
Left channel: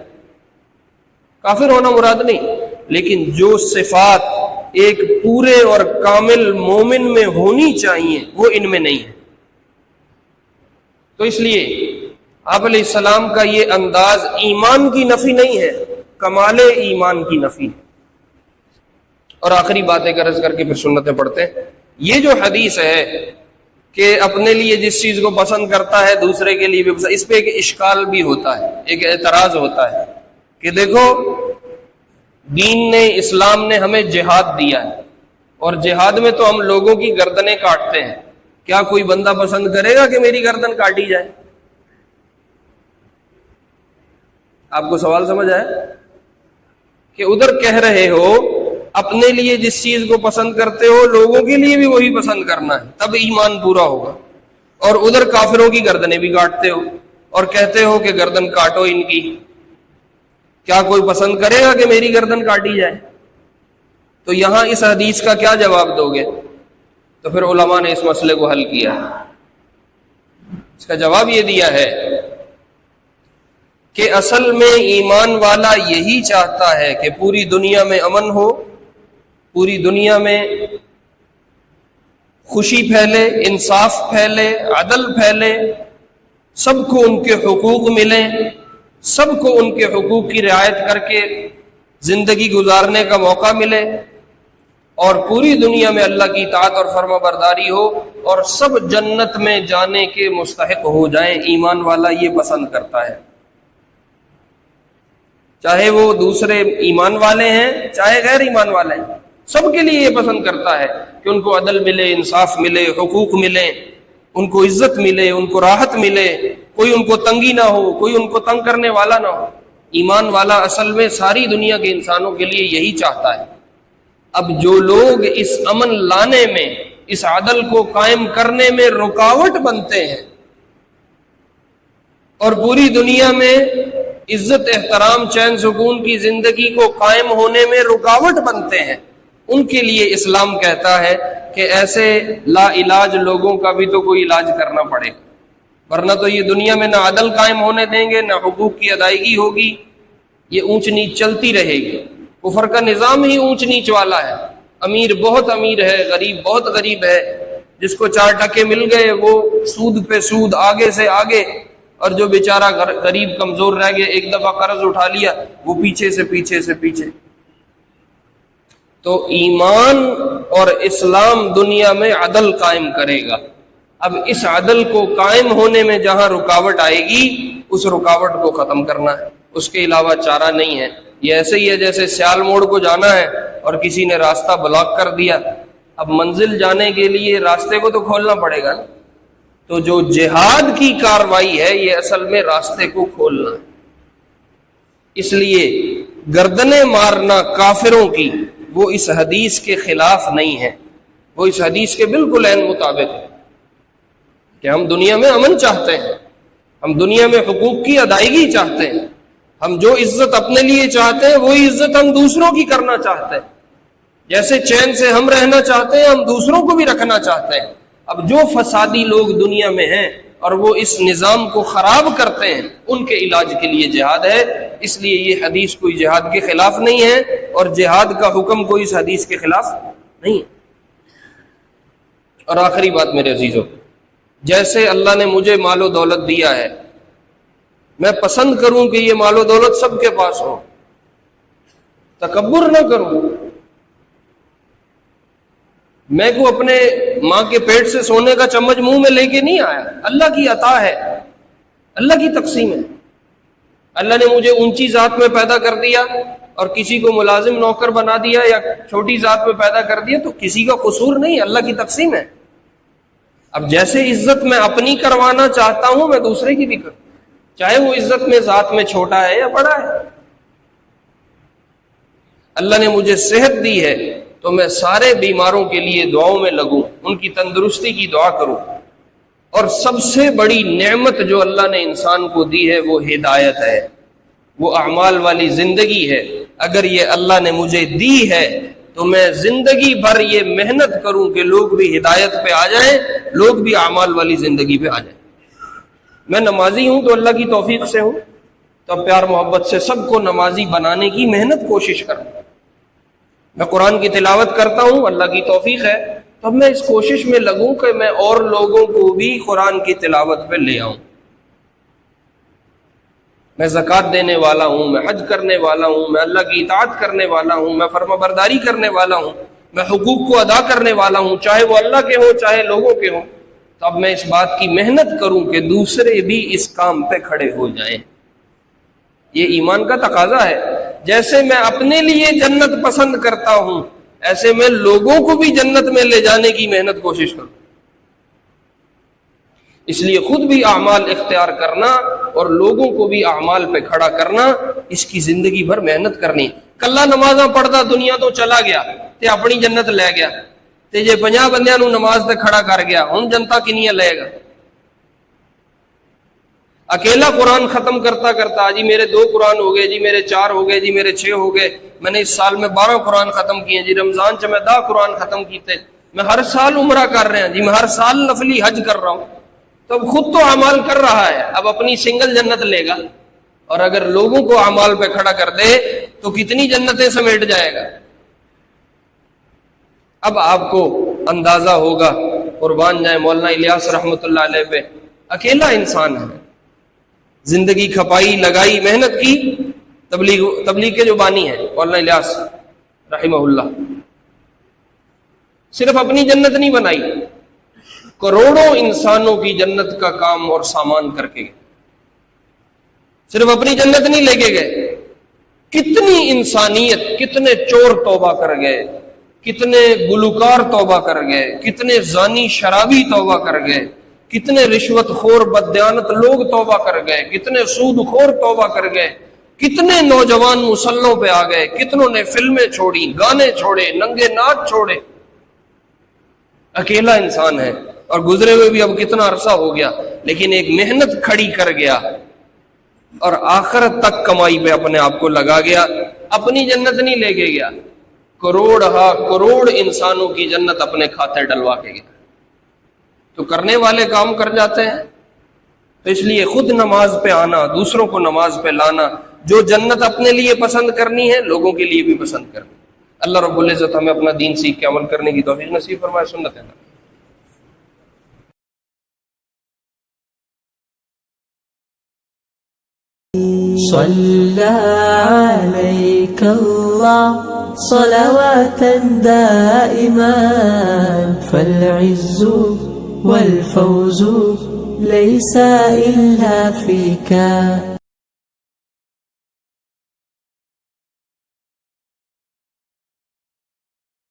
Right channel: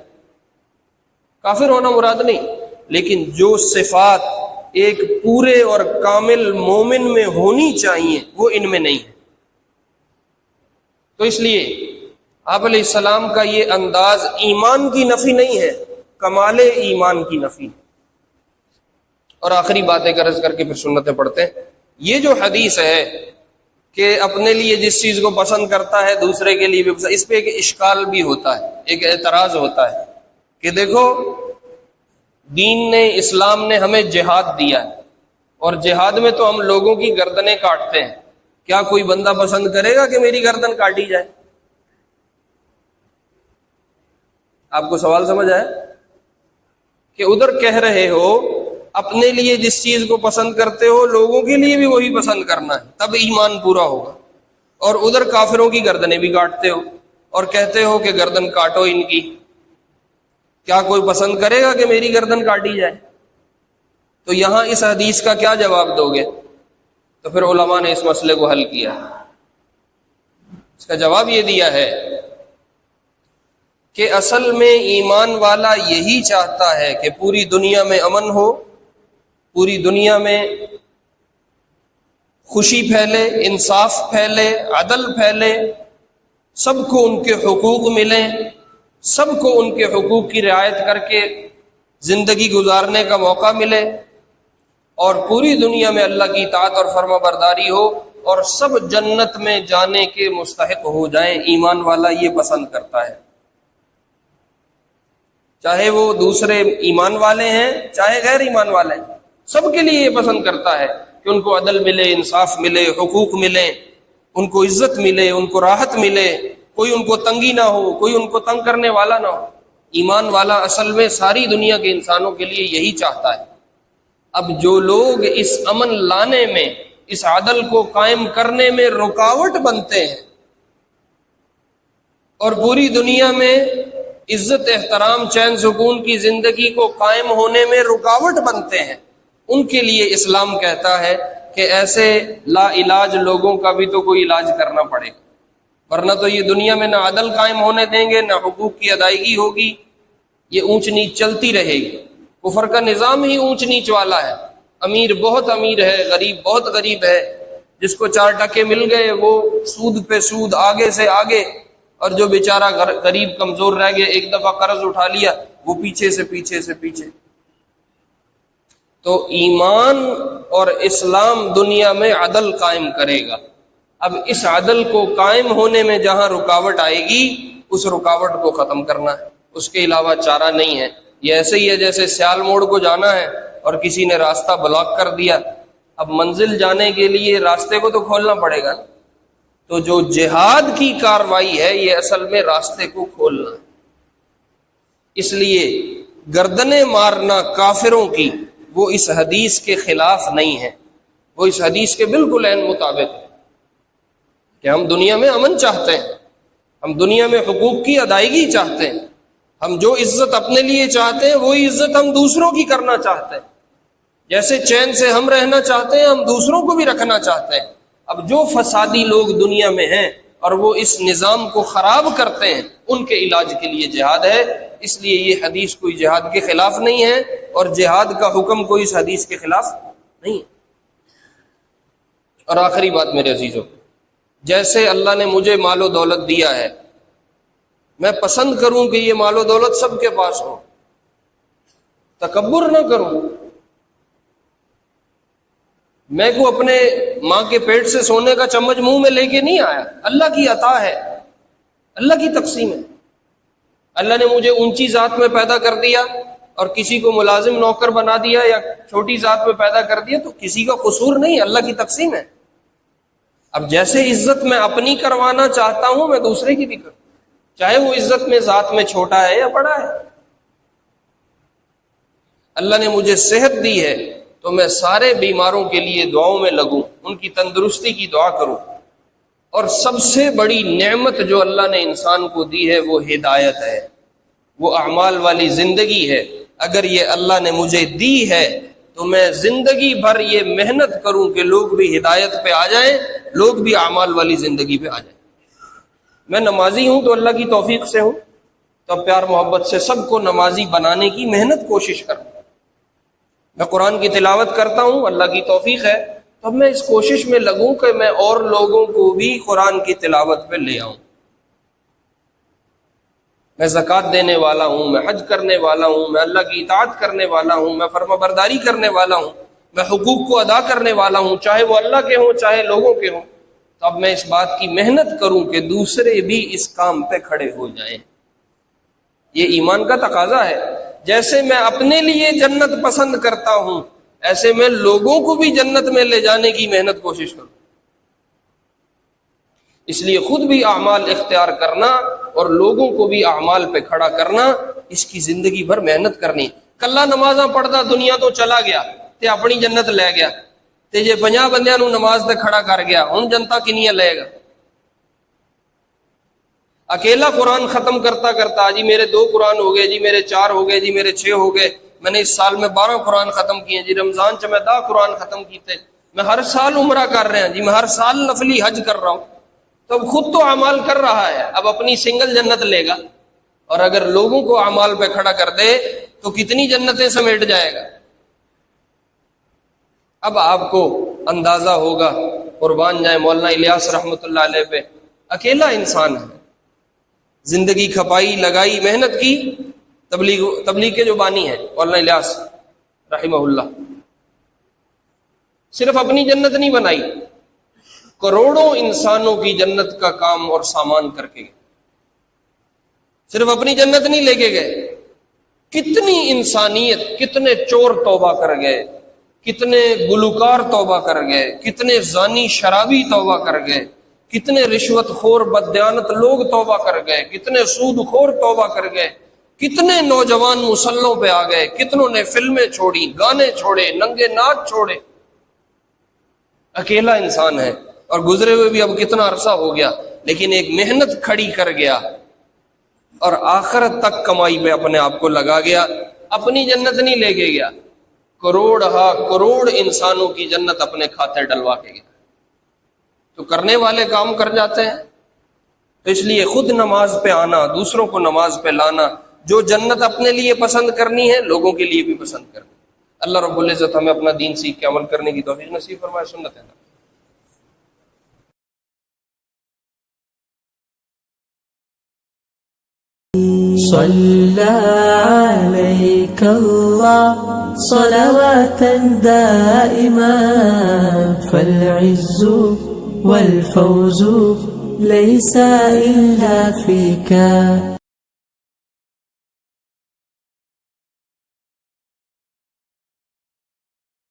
کافر ہونا مراد نہیں، لیکن جو صفات ایک پورے اور کامل مومن میں ہونی چاہیے وہ ان میں نہیں ہے. تو اس لیے آپ علیہ السلام کا یہ انداز ایمان کی نفی نہیں ہے، کمال ایمان کی نفی. اور آخری بات ایک عرض کر کے پھر سنتیں پڑھتے ہیں. یہ جو حدیث ہے کہ اپنے لیے جس چیز کو پسند کرتا ہے دوسرے کے لیے بھی پسند، اس پہ ایک اشکال بھی ہوتا ہے، ایک اعتراض ہوتا ہے کہ دیکھو دین نے، اسلام نے ہمیں جہاد دیا ہے، اور جہاد میں تو ہم لوگوں کی گردنیں کاٹتے ہیں. کیا کوئی بندہ پسند کرے گا کہ میری گردن کاٹی جائے؟ آپ کو سوال سمجھ آئے کہ ادھر کہہ رہے ہو اپنے لیے جس چیز کو پسند کرتے ہو لوگوں کے لیے بھی وہی پسند کرنا ہے، تب ایمان پورا ہوگا، اور ادھر کافروں کی گردنیں بھی کاٹتے ہو اور کہتے ہو کہ گردن کاٹو ان کی. کیا کوئی پسند کرے گا کہ میری گردن کاٹی جائے؟ تو یہاں اس حدیث کا کیا جواب دو گے؟ تو پھر علماء نے اس مسئلے کو حل کیا. اس کا جواب یہ دیا ہے کہ اصل میں ایمان والا یہی چاہتا ہے کہ پوری دنیا میں امن ہو، پوری دنیا میں خوشی پھیلے، انصاف پھیلے، عدل پھیلے، سب کو ان کے حقوق ملیں، سب کو ان کے حقوق کی رعایت کر کے زندگی گزارنے کا موقع ملے، اور پوری دنیا میں اللہ کی اطاعت اور فرما برداری ہو، اور سب جنت میں جانے کے مستحق ہو جائیں. ایمان والا یہ پسند کرتا ہے، چاہے وہ دوسرے ایمان والے ہیں چاہے غیر ایمان والے ہیں، سب کے لیے یہ پسند کرتا ہے کہ ان کو عدل ملے، انصاف ملے، حقوق ملے، ان کو عزت ملے، ان کو راحت ملے، کوئی ان کو تنگی نہ ہو، کوئی ان کو تنگ کرنے والا نہ ہو. ایمان والا اصل میں ساری دنیا کے انسانوں کے لیے یہی چاہتا ہے. اب جو لوگ اس امن لانے میں، اس عدل کو قائم کرنے میں رکاوٹ بنتے ہیں، اور پوری دنیا میں عزت، احترام، چین سکون کی زندگی کو قائم ہونے میں رکاوٹ بنتے ہیں، ان کے لیے اسلام کہتا ہے کہ ایسے لا علاج لوگوں کا بھی تو کوئی علاج کرنا پڑے، ورنہ تو یہ دنیا میں نہ عدل قائم ہونے دیں گے، نہ حقوق کی ادائیگی ہوگی، یہ اونچ نیچ چلتی رہے گی. کفر کا نظام ہی اونچ نیچ والا ہے. امیر بہت امیر ہے، غریب بہت غریب ہے، جس کو 4 ٹکے مل گئے وہ سود پہ سود، آگے سے آگے، اور جو بیچارہ غریب کمزور رہ گیا، ایک دفعہ قرض اٹھا لیا، وہ پیچھے سے پیچھے سے پیچھے. تو ایمان اور اسلام دنیا میں عدل قائم کرے گا. اب اس عدل کو قائم ہونے میں جہاں رکاوٹ آئے گی، اس رکاوٹ کو ختم کرنا ہے، اس کے علاوہ چارہ نہیں ہے. یہ ایسے ہی ہے جیسے سیال موڑ کو جانا ہے اور کسی نے راستہ بلاک کر دیا، اب منزل جانے کے لیے راستے کو تو کھولنا پڑے گا. تو جو جہاد کی کاروائی ہے یہ اصل میں راستے کو کھولنا ہے. اس لیے گردنیں مارنا کافروں کی وہ اس حدیث کے خلاف نہیں ہے، وہ اس حدیث کے بالکل عین مطابق ہے کہ ہم دنیا میں امن چاہتے ہیں، ہم دنیا میں حقوق کی ادائیگی چاہتے ہیں، ہم جو عزت اپنے لیے چاہتے ہیں وہی عزت ہم دوسروں کی کرنا چاہتے ہیں. جیسے چین سے ہم رہنا چاہتے ہیں، ہم دوسروں کو بھی رکھنا چاہتے ہیں. اب جو فسادی لوگ دنیا میں ہیں اور وہ اس نظام کو خراب کرتے ہیں، ان کے علاج کے لیے جہاد ہے. اس لیے یہ حدیث کوئی جہاد کے خلاف نہیں ہے، اور جہاد کا حکم کوئی اس حدیث کے خلاف نہیں ہے. اور آخری بات میرے عزیزوں، جیسے اللہ نے مجھے مال و دولت دیا ہے، میں پسند کروں کہ یہ مال و دولت سب کے پاس ہو، تکبر نہ کروں. میں کو اپنے ماں کے پیٹ سے سونے کا چمچ منہ میں لے کے نہیں آیا، اللہ کی عطا ہے، اللہ کی تقسیم ہے. اللہ نے مجھے اونچی ذات میں پیدا کر دیا اور کسی کو ملازم نوکر بنا دیا، یا چھوٹی ذات میں پیدا کر دیا، تو کسی کا قصور نہیں، اللہ کی تقسیم ہے. اب جیسے عزت میں اپنی کروانا چاہتا ہوں، میں دوسرے کی بھی کروں، چاہے وہ عزت میں ذات میں چھوٹا ہے یا بڑا ہے. اللہ نے مجھے صحت دی ہے تو میں سارے بیماروں کے لیے دعاؤں میں لگوں، ان کی تندرستی کی دعا کروں. اور سب سے بڑی نعمت جو اللہ نے انسان کو دی ہے وہ ہدایت ہے، وہ اعمال والی زندگی ہے. اگر یہ اللہ نے مجھے دی ہے تو میں زندگی بھر یہ محنت کروں کہ لوگ بھی ہدایت پہ آ جائیں، لوگ بھی اعمال والی زندگی پہ آ جائیں۔ میں نمازی ہوں تو اللہ کی توفیق سے ہوں، تو پیار محبت سے سب کو نمازی بنانے کی محنت کوشش کروں۔ میں قرآن کی تلاوت کرتا ہوں، اللہ کی توفیق ہے تو اب میں اس کوشش میں لگوں کہ میں اور لوگوں کو بھی قرآن کی تلاوت پہ لے آؤں۔ میں زکوٰۃ دینے والا ہوں، میں حج کرنے والا ہوں، میں اللہ کی اطاعت کرنے والا ہوں، میں فرما برداری کرنے والا ہوں، میں حقوق کو ادا کرنے والا ہوں، چاہے وہ اللہ کے ہوں چاہے لوگوں کے ہوں۔ تو اب میں اس بات کی محنت کروں کہ دوسرے بھی اس کام پہ کھڑے ہو جائیں۔ یہ ایمان کا تقاضا ہے۔ جیسے میں اپنے لیے جنت پسند کرتا ہوں، ایسے میں لوگوں کو بھی جنت میں لے جانے کی محنت کوشش کروں۔ اس لیے خود بھی اعمال اختیار کرنا اور لوگوں کو بھی اعمال پہ کھڑا کرنا، اس کی زندگی بھر محنت کرنی۔ کلا نمازاں پڑھدا دنیا تو چلا گیا تے اپنی جنت لے گیا، تے جے 50 بندیاں نو نماز تے کھڑا کر گیا، ہن جنتا کنیاں لے گا؟ اکیلا قرآن ختم کرتا کرتا جی میرے 2 قرآن ہو گئے، جی میرے 4 ہو گئے، جی میرے 6 ہو گئے، میں نے اس سال میں 12 قرآن ختم کیے، جی رمضان چ میں 10 قرآن ختم کیتے، میں ہر سال عمرہ کر رہا ہوں، جی میں ہر سال نفلی حج کر رہا ہوں۔ تو اب خود تو اعمال کر رہا ہے، اب اپنی سنگل جنت لے گا، اور اگر لوگوں کو اعمال پہ کھڑا کر دے تو کتنی جنتیں سمیٹ جائے گا۔ اب آپ کو اندازہ ہوگا، قربان جائیں مولانا الیاس رحمۃ اللہ علیہ پہ، اکیلا انسان ہے، زندگی کھپائی لگائی محنت کی، تبلیغ کے جو بانی ہیں مولانا الیاس رحمہ اللہ، صرف اپنی جنت نہیں بنائی، کروڑوں انسانوں کی جنت کا کام اور سامان کر کے گئے، صرف اپنی جنت نہیں لے کے گئے، کتنی انسانیت، کتنے چور توبہ کر گئے، کتنے گلوکار توبہ کر گئے، کتنے زانی شرابی توبہ کر گئے، کتنے رشوت خور بددیانت لوگ توبہ کر گئے، کتنے سود خور توبہ کر گئے، کتنے نوجوان مسلوں پہ آ گئے، کتنوں نے فلمیں چھوڑی، گانے چھوڑے، ننگے ناچ چھوڑے۔ اکیلا انسان ہے، اور گزرے ہوئے بھی اب کتنا عرصہ ہو گیا، لیکن ایک محنت کھڑی کر گیا اور آخرت تک کمائی پہ اپنے آپ کو لگا گیا، اپنی جنت نہیں لے کے گیا، کروڑ انسانوں کی جنت اپنے کھاتے ڈلوا کے گیا۔ تو کرنے والے کام کر جاتے ہیں۔ تو اس لیے خود نماز پہ آنا، دوسروں کو نماز پہ لانا، جو جنت اپنے لیے پسند کرنی ہے لوگوں کے لیے بھی پسند کرنی۔ اللہ رب العزت ہمیں اپنا دین سیکھ کے عمل کرنے کی توفیق نصیب فرمائے۔ سنت ہے۔ صلى عليك الله صلواتا دائما، فالعز والفوز ليس إلا فيك.